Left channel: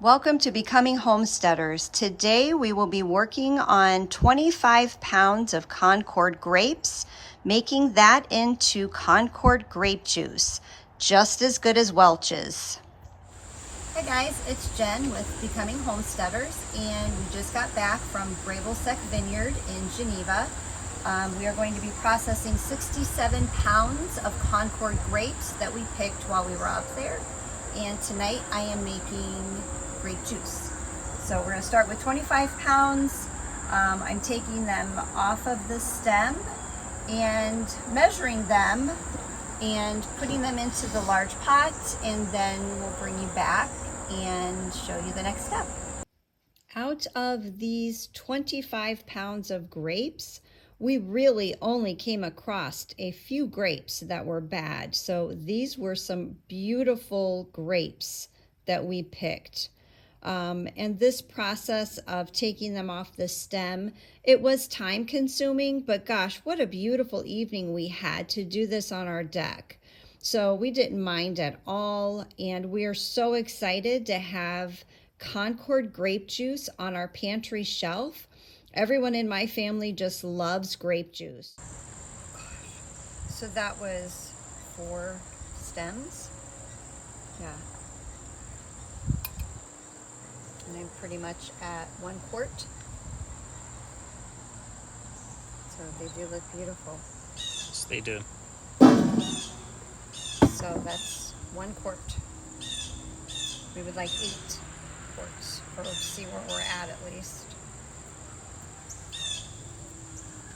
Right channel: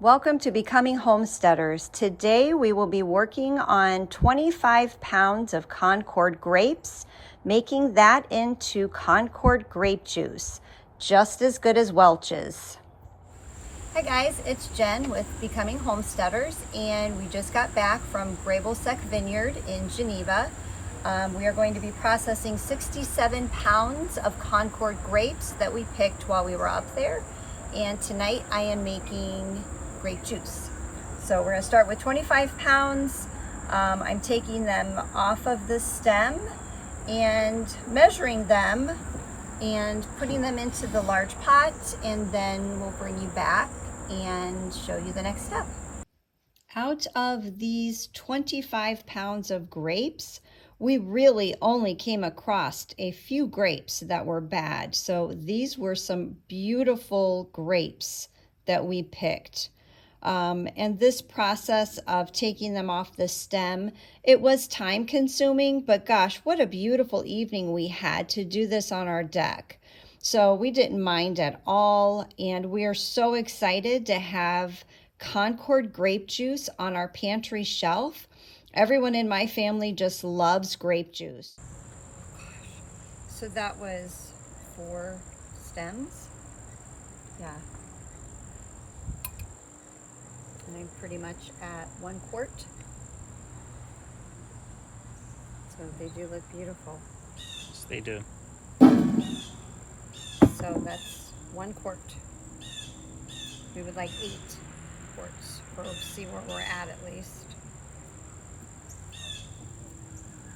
Welcome to Becoming Homesteaders. Today we will be working on 25 pounds of Concord grapes, making that into Concord grape juice, just as good as Welch's. Hi guys, it's Jen with Becoming Homesteaders, and we just got back from Grabelsek Vineyard in Geneva. We are going to be processing 67 pounds of Concord grapes that we picked while we were up there. And tonight I am making grape juice. So we're going to start with 25 pounds. I'm taking them off of the stem and measuring them and putting them into the large pot, and then we'll bring you back and show you the next step. Out of these 25 pounds of grapes, we really only came across a few grapes that were bad. So these were some beautiful grapes that we picked. And this process of taking them off the stem, it was time consuming, but gosh, what a beautiful evening we had to do this on our deck. So we didn't mind at all, and we are so excited to have Concord grape juice on our pantry shelf. Everyone in my family just loves grape juice. So that was 4 stems. Yeah. And I'm pretty much at 1 quart. So they do look beautiful. Yes, they do. So that's 1 quart. We would like 8 quarts, or see where we're at least.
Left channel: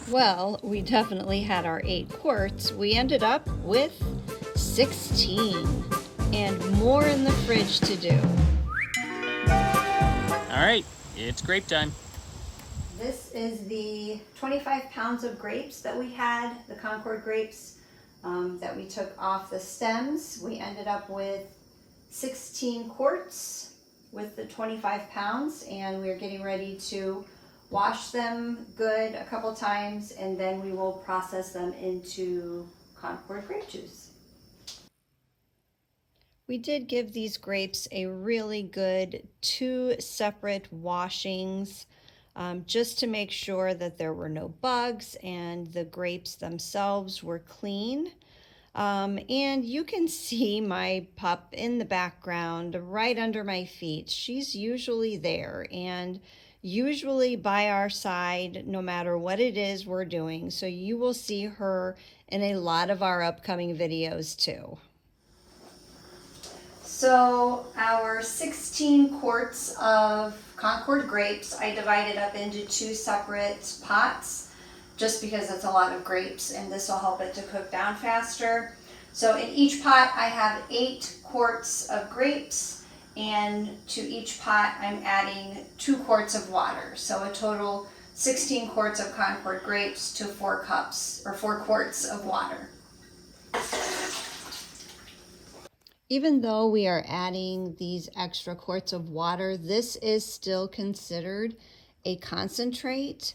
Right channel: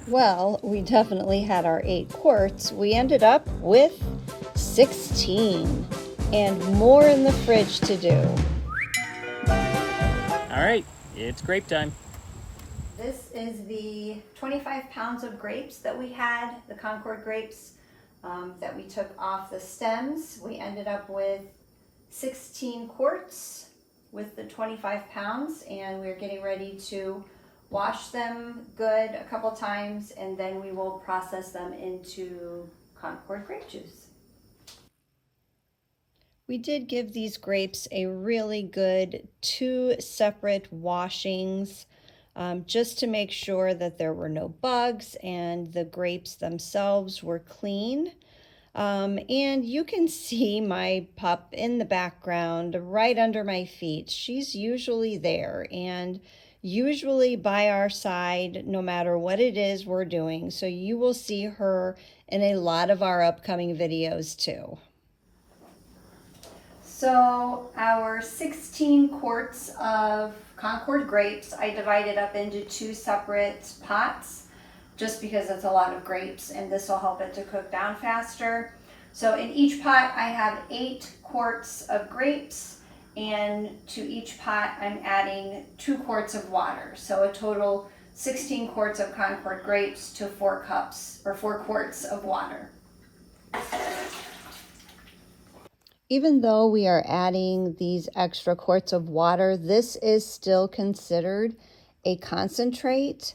Well, we definitely had our 8 quarts. We ended up with 16 and more in the fridge to do. All right, it's grape time. This is the 25 pounds of grapes that we had, the Concord grapes that we took off the stems. We ended up with 16 quarts with the 25 pounds, and we're getting ready to wash them good a couple times, and then we will process them into Concord grape juice. We did give these grapes a really good 2 separate washings, just to make sure that there were no bugs and the grapes themselves were clean. And you can see my pup in the background right under my feet. She's usually there and usually by our side no matter what it is we're doing. So you will see her in a lot of our upcoming videos too. So our 16 quarts of Concord grapes, I divided up into 2 separate pots just because it's a lot of grapes and this will help it to cook down faster. So in each pot I have 8 quarts of grapes, and to each pot I'm adding 2 quarts of water. So a total 16 quarts of Concord grapes to 4 cups or 4 quarts of water. Even though we are adding these extra quarts of water, this is still considered a concentrate.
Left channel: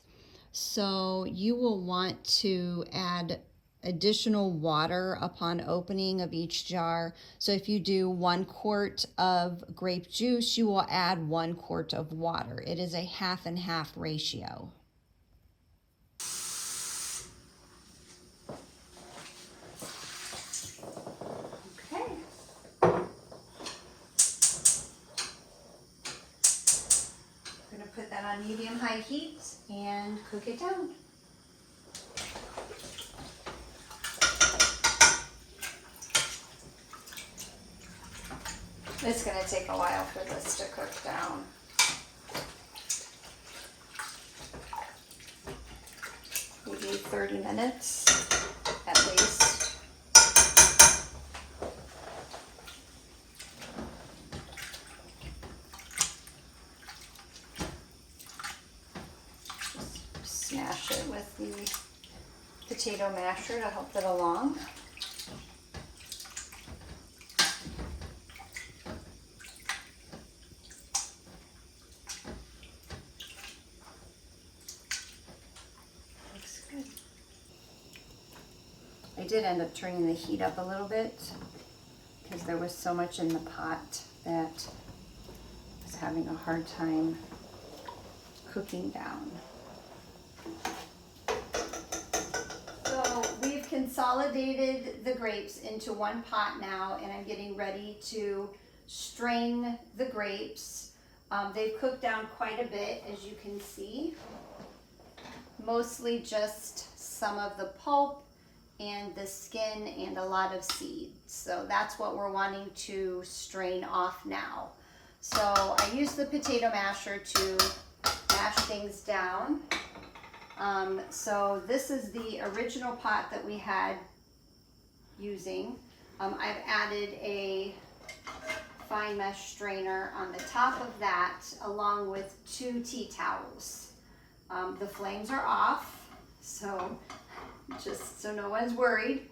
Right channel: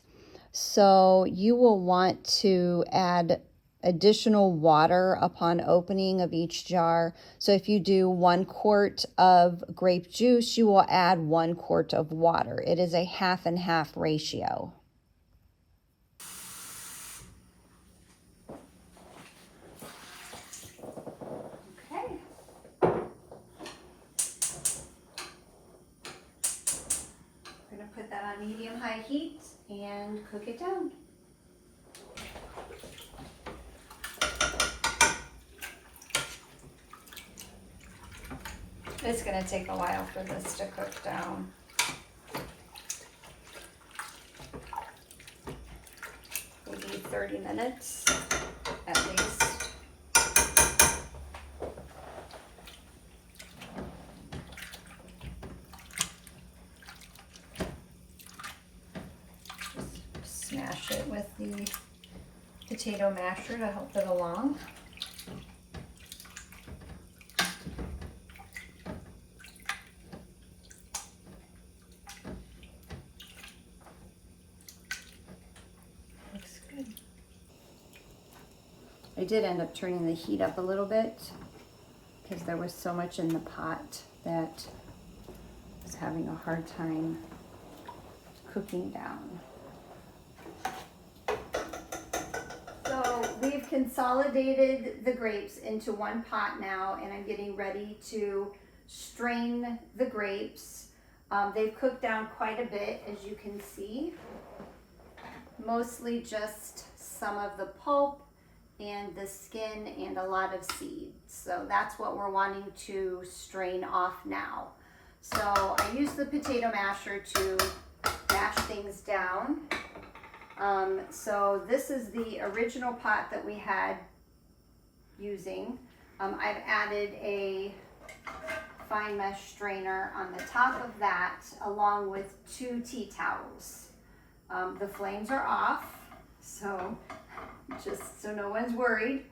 So you will want to add additional water upon opening of each jar. So if you do 1 quart of grape juice, you will add 1 quart of water. It is a half and half ratio. On medium-high heat and cook it down. It's going to take a while for this to cook down. Maybe 30 minutes at least. Smash it with the potato masher to help it along. Looks good. I did end up turning the heat up a little bit because there was so much in the pot that I was having a hard time cooking down. So we've consolidated the grapes into one pot now, and I'm getting ready to strain the grapes. They've cooked down quite a bit, as you can see. Mostly just some of the pulp and the skin and a lot of seeds. So that's what we're wanting to strain off now. So I use the potato masher to mash things down. So this is the original pot that we had using. I've added a fine mesh strainer on the top of that, along with 2 tea towels. The flames are off, so just so no one's worried.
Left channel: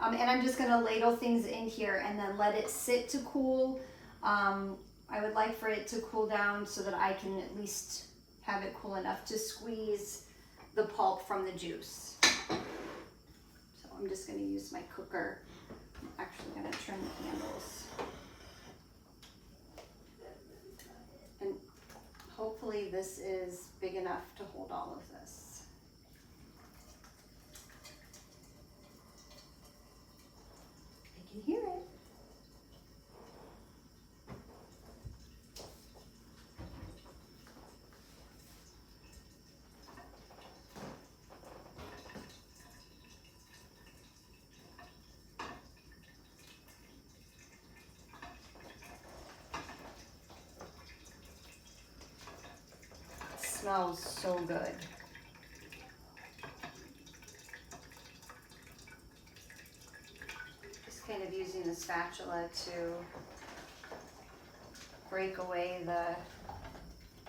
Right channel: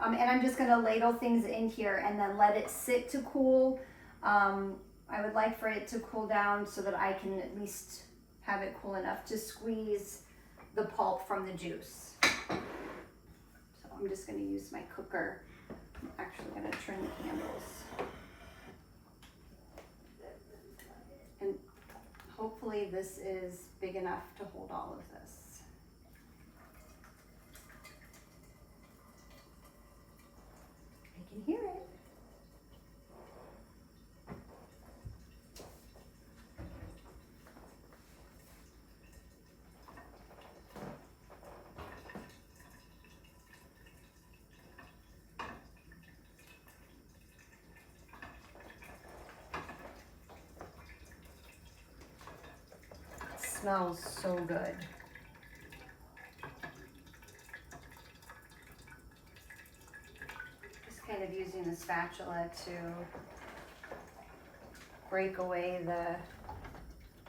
And I'm just gonna ladle things in here and then let it sit to cool. I would like for it to cool down so that I can at least have it cool enough to squeeze the pulp from the juice. So I'm just gonna use my cooker. I'm actually gonna turn the candles. And hopefully this is big enough to hold all of this. I can hear it. Smells so good. Just kind of using the spatula to break away the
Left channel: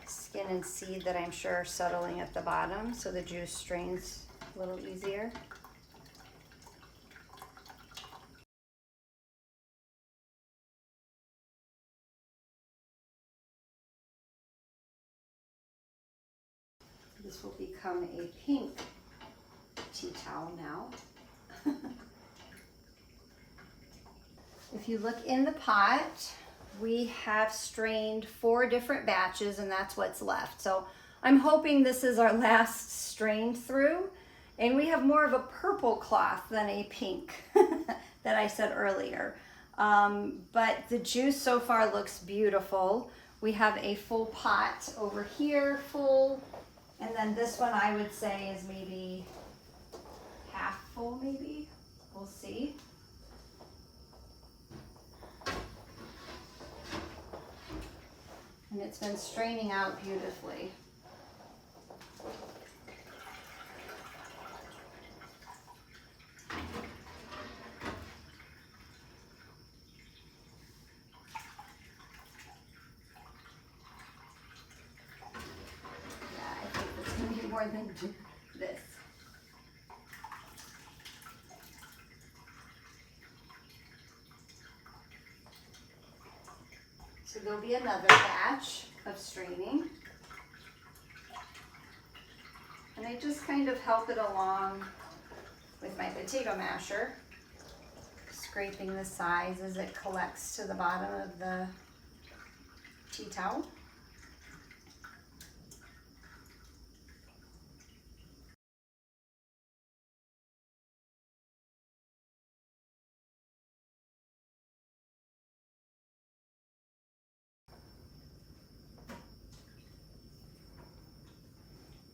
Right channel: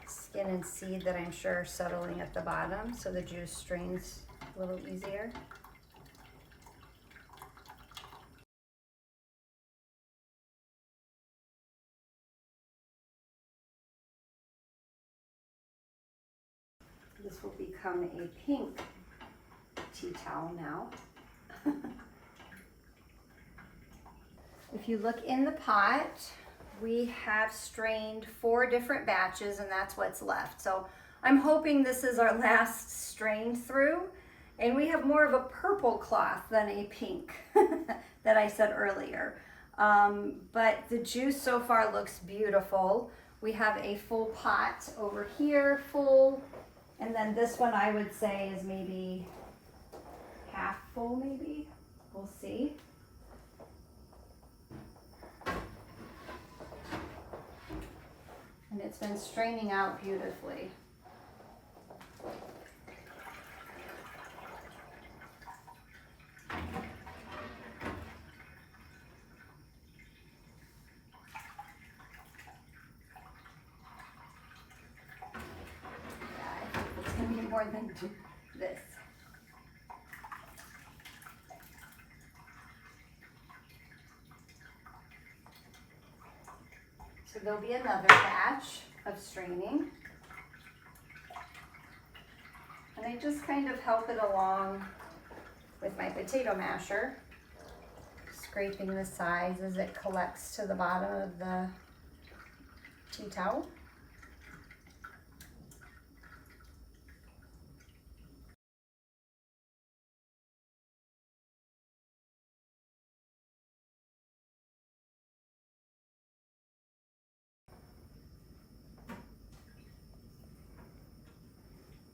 skin and seed that I'm sure are settling at the bottom, so the juice strains a little easier. This will become a pink tea towel now. If you look in the pot, we have strained 4 different batches, and that's what's left. So I'm hoping this is our last strain through, and we have more of a purple cloth than a pink that I said earlier. But the juice so far looks beautiful. We have a full pot over here full. And then this one I would say is maybe half full, maybe. We'll see. And it's been straining out beautifully. More than this. So there'll be another batch of straining. And I just kind of help it along with my potato masher, scraping the sides as it collects to the bottom of the tea towel.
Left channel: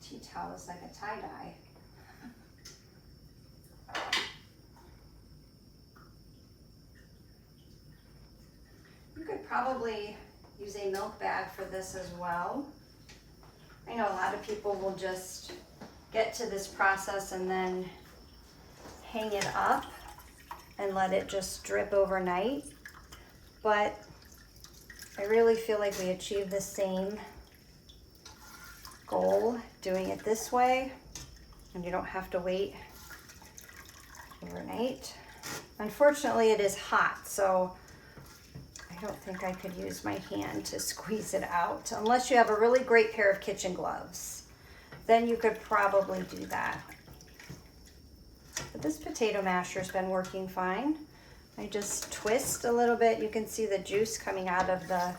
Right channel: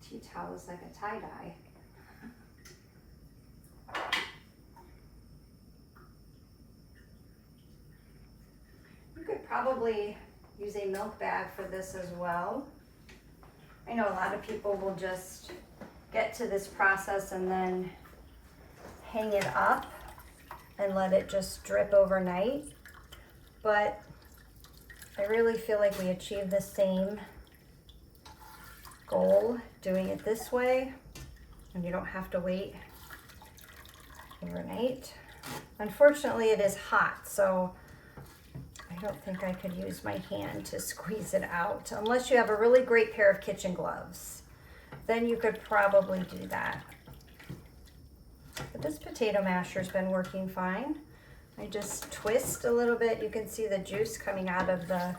Tea towel is like a tie-dye. You could probably use a milk bag for this as well. I know a lot of people will just get to this process and then hang it up and let it just drip overnight. But I really feel like we achieve the same goal doing it this way, and you don't have to wait overnight. Unfortunately, it is hot, so I don't think I could use my hand to squeeze it out unless you have a really great pair of kitchen gloves. Then you could probably do that. But this potato masher's been working fine. I just twist a little bit. You can see the juice coming out of the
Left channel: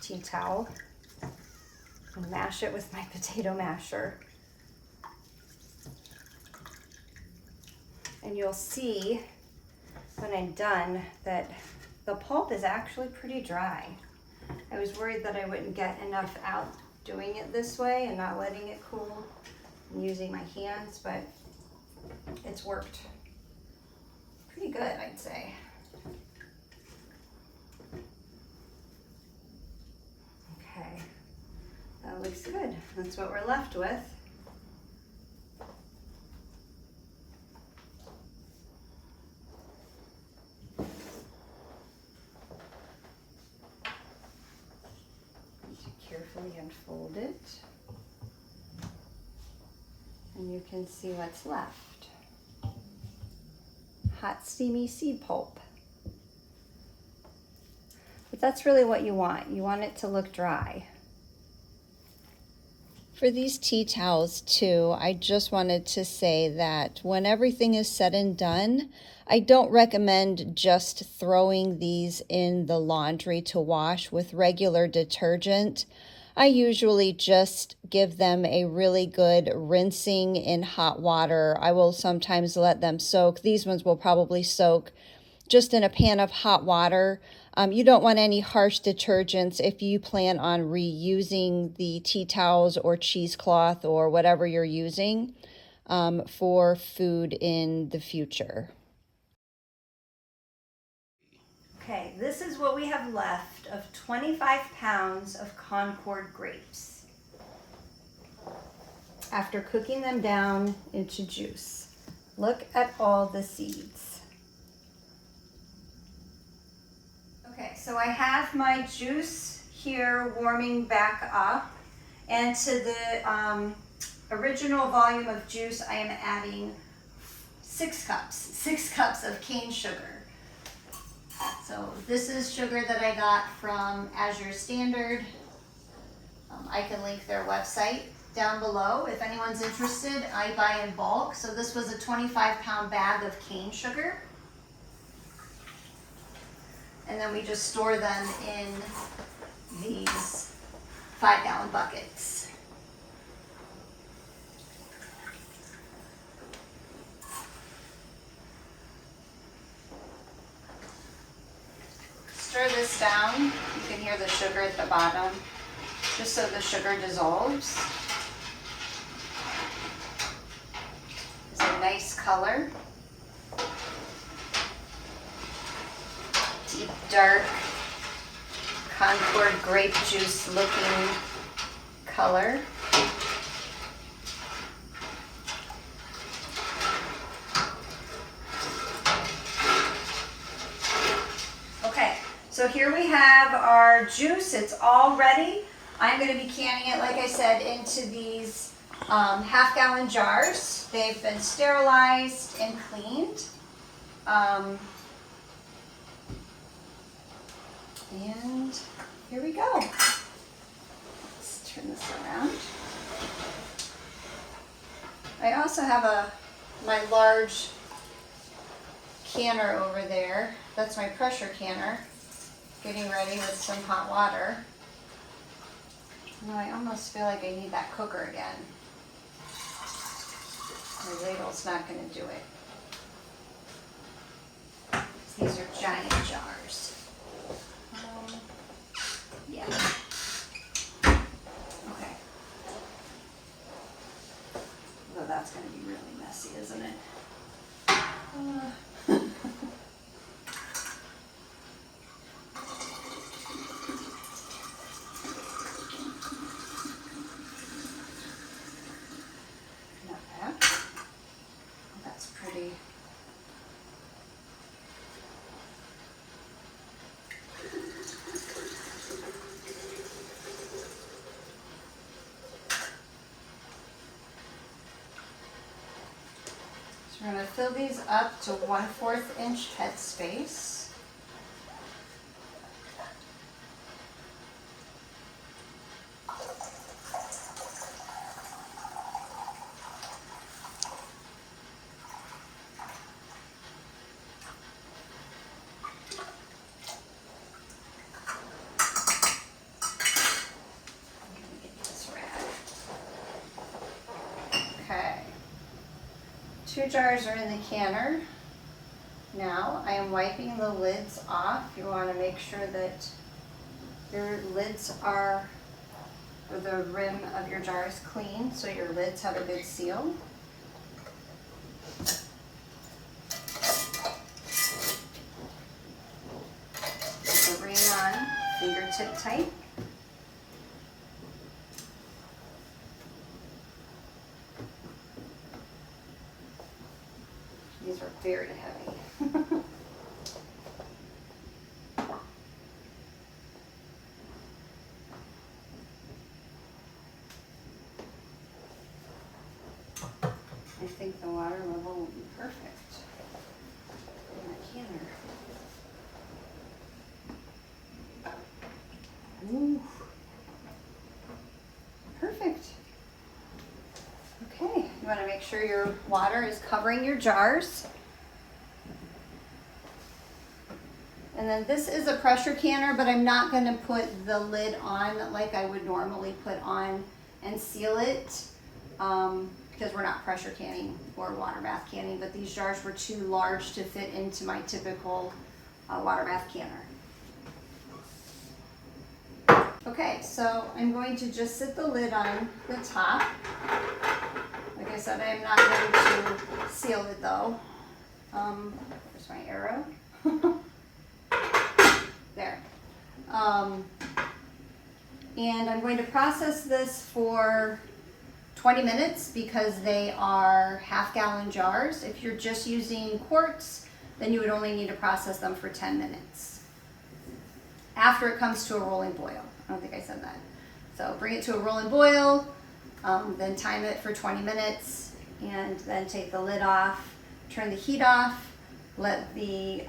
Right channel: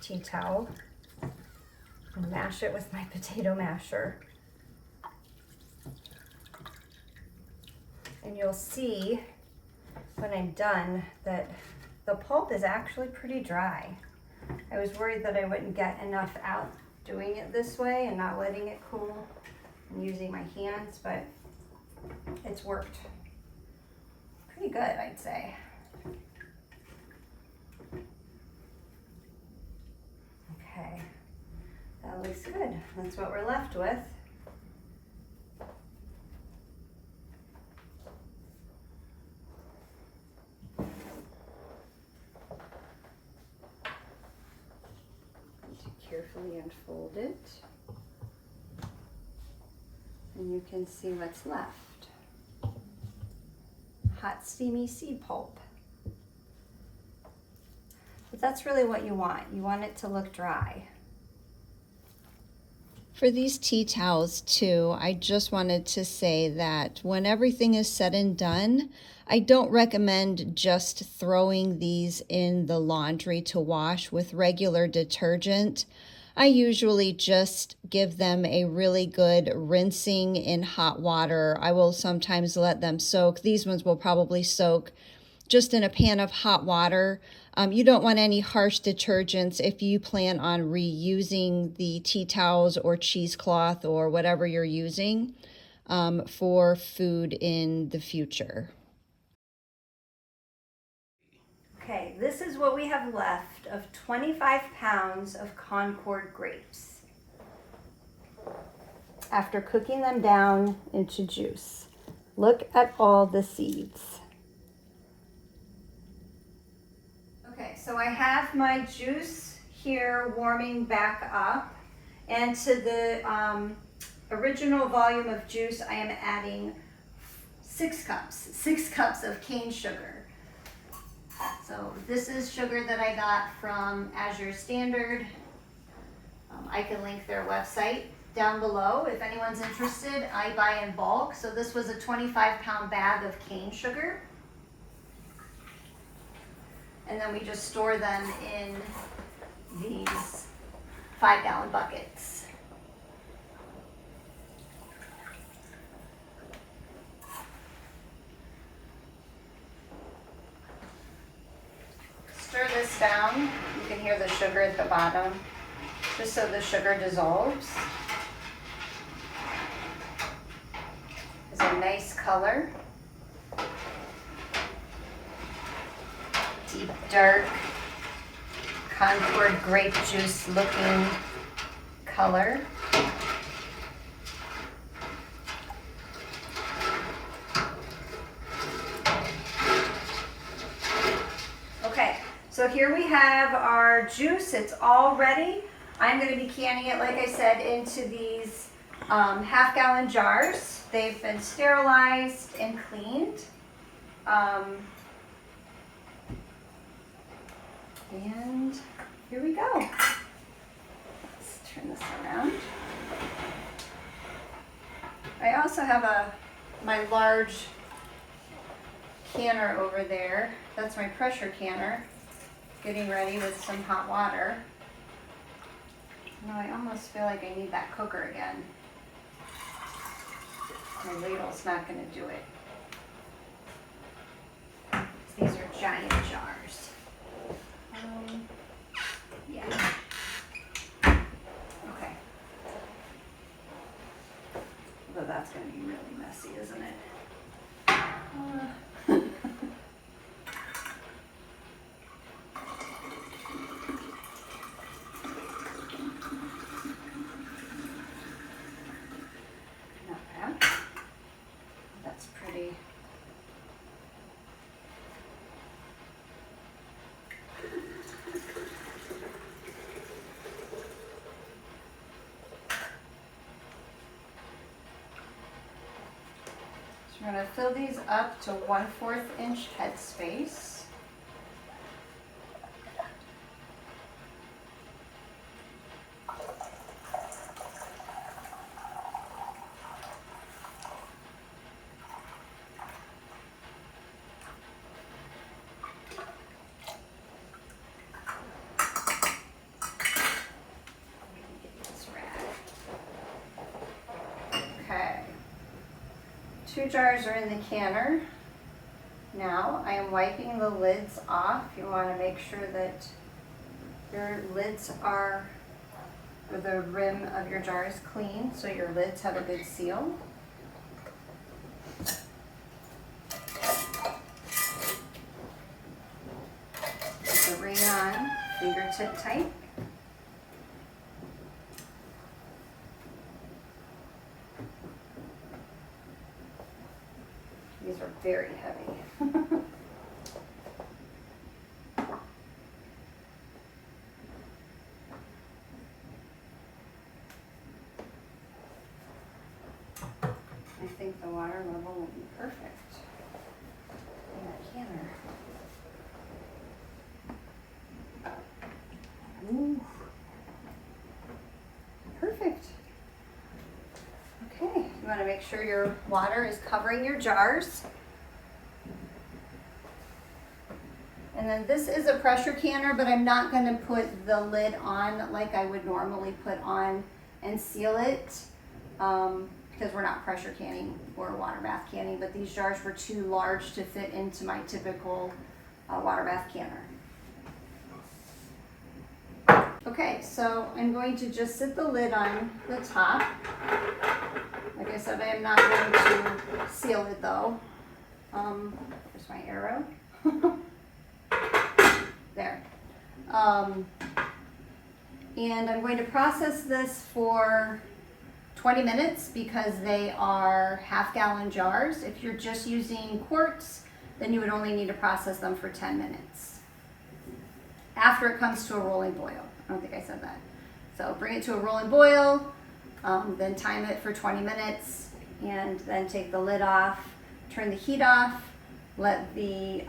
tea towel and mash it with my potato masher. And you'll see when I'm done that the pulp is actually pretty dry. I was worried that I wouldn't get enough out doing it this way and not letting it cool and using my hands, but it's worked pretty good, I'd say. Okay, that looks good. That's what we're left with. Carefully unfold it, and you can see what's left. Hot, steamy seed pulp. But that's really what you want. You want it to look dry. For these tea towels too, I just wanted to say that when everything is said and done, I don't recommend just throwing these in the laundry to wash with regular detergent. I usually just give them a really good rinsing in hot water. I will sometimes let them soak. These ones will probably soak just in a pan of hot water. You don't want any harsh detergents if you plan on reusing the tea towels or cheesecloth or whatever you're using for food in the future. Okay, this is what we have left of 25 pounds of Concord grapes after cooking them down into juice. Look at all the seeds. Okay, so I have my juice here warming back up, and to the original volume of juice I am adding 6 cups of cane sugar. So this is sugar that I got from Azure Standard. I can link their website down below if anyone's interested. I buy in bulk, so this was a 25-pound bag of cane sugar. And then we just store them in these 5-gallon buckets. Stir this down. You can hear the sugar at the bottom, just so the sugar dissolves. It's a nice color. Deep, dark, Concord grape juice looking color. Okay, so here we have our juice. It's all ready. I'm going to be canning it, like I said, into these half-gallon jars. They've been sterilized and cleaned. And here we go. Let's turn this around. I also have my large canner over there. That's my pressure canner, getting ready with some hot water. No, I almost feel like I need that cooker again. My ladle's not going to do it. These are giant jars. Yeah. Okay. Although that's going to be really messy, isn't it? Not bad. That's pretty. We're going to fill these up to 1/4 inch headspace. 2 jars are in the canner. Now I am wiping the lids off. You want to make sure that your lids are, or the rim of your jar is clean, so your lids have a good seal. Put the ring on, fingertip tight. These are very heavy. I think the water level will be perfect in that canner. Ooh. Perfect. Okay, you want to make sure your water is covering your jars. And then this is a pressure canner, but I'm not going to put the lid on like I would normally put on and seal it because we're not pressure canning or water bath canning, but these jars were too large to fit into my typical water bath canner. Okay, so I'm going to just sit the lid on the top. Like I said, I am not going to seal it though. There's my arrow. There. And I'm going to process this for 20 minutes because they are half-gallon jars. If you're just using quarts, then you would only need to process them for 10 minutes. After it comes to a rolling boil. I don't think I said that. So bring it to a rolling boil, then time it for 20 minutes, and then take the lid off, turn the heat off, let the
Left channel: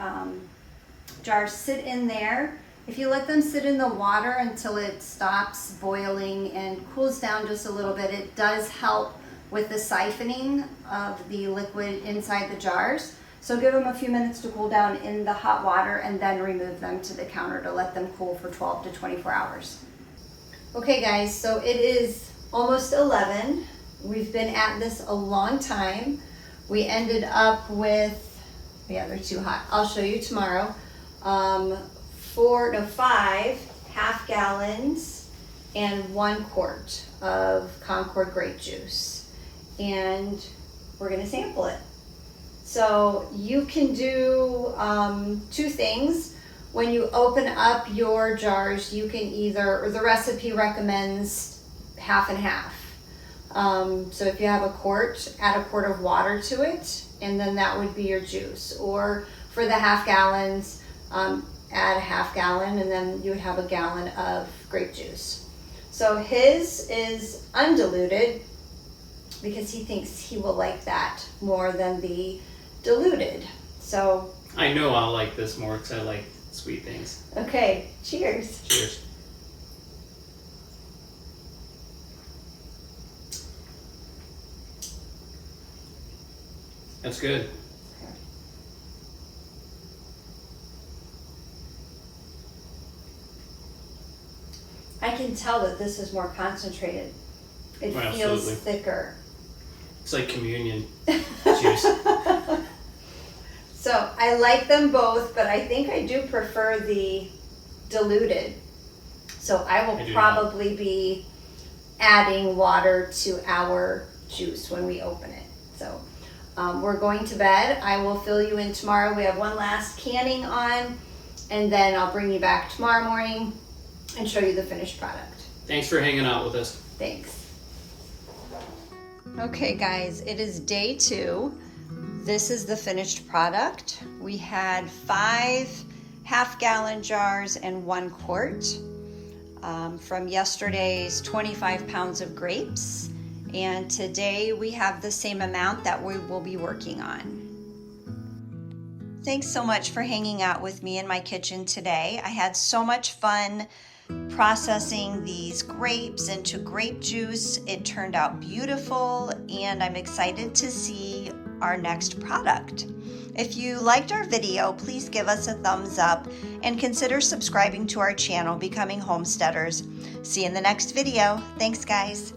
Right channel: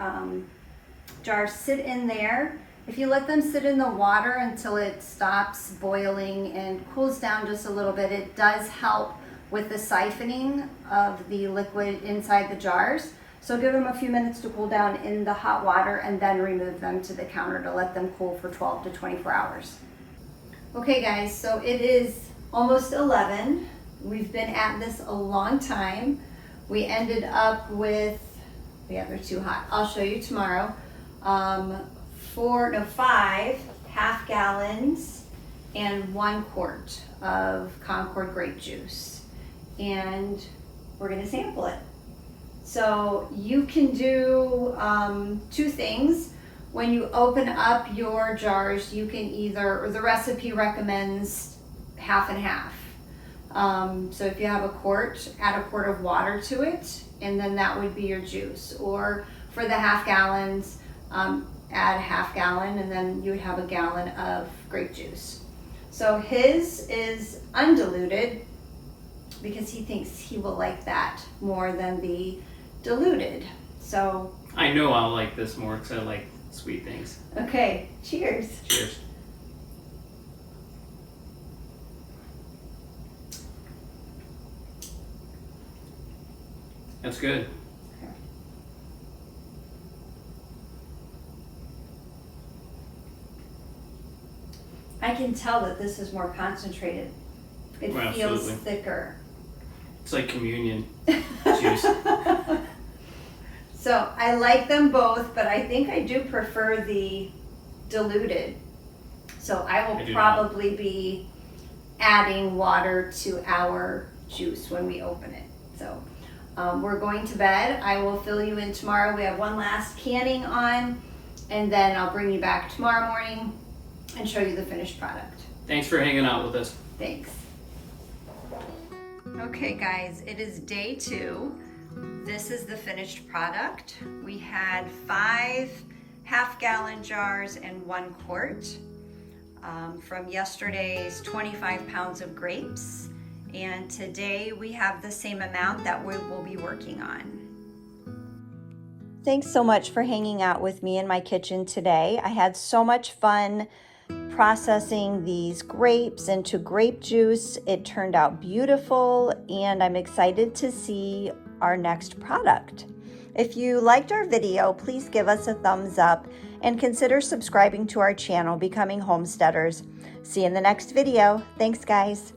jars sit in there. If you let them sit in the water until it stops boiling and cools down just a little bit, it does help with the siphoning of the liquid inside the jars. So give them a few minutes to cool down in the hot water and then remove them to the counter to let them cool for 12 to 24 hours. Okay guys, so it is almost 11. We've been at this a long time. We ended up with, yeah, they're too hot. I'll show you tomorrow. 5 half gallons and 1 quart of Concord grape juice. And we're gonna sample it. So you can do 2 things. When you open up your jars, you can either, or the recipe recommends half and half. So if you have a quart, add a quart of water to it, and then that would be your juice. Or for the half gallons, add a half gallon, and then you would have a gallon of grape juice. So his is undiluted because he thinks he will like that more than the diluted. So I know I'll like this more because I like sweet things. Okay, cheers. Cheers. That's good. I can tell that this is more concentrated. It Oh, feels absolutely. thicker. It's like communion juice. So I like them both, but I think I do prefer the diluted. So I will probably be adding water to our juice when we open it. So we're going to bed. I will fill you in tomorrow. We have one last canning on, and then I'll bring you back tomorrow morning and show you the finished product. Thanks for hanging out with us. Thanks. Okay guys, it is day 2. This is the finished product. We had 5 half-gallon jars and 1 quart from yesterday's 25 pounds of grapes. And today we have the same amount that we will be working on. Thanks so much for hanging out with me in my kitchen today. I had so much fun processing these grapes into grape juice. It turned out beautiful, and I'm excited to see our next product. If you liked our video, please give us a thumbs up and consider subscribing to our channel, Becoming Homesteaders. See you in the next video. Thanks, guys.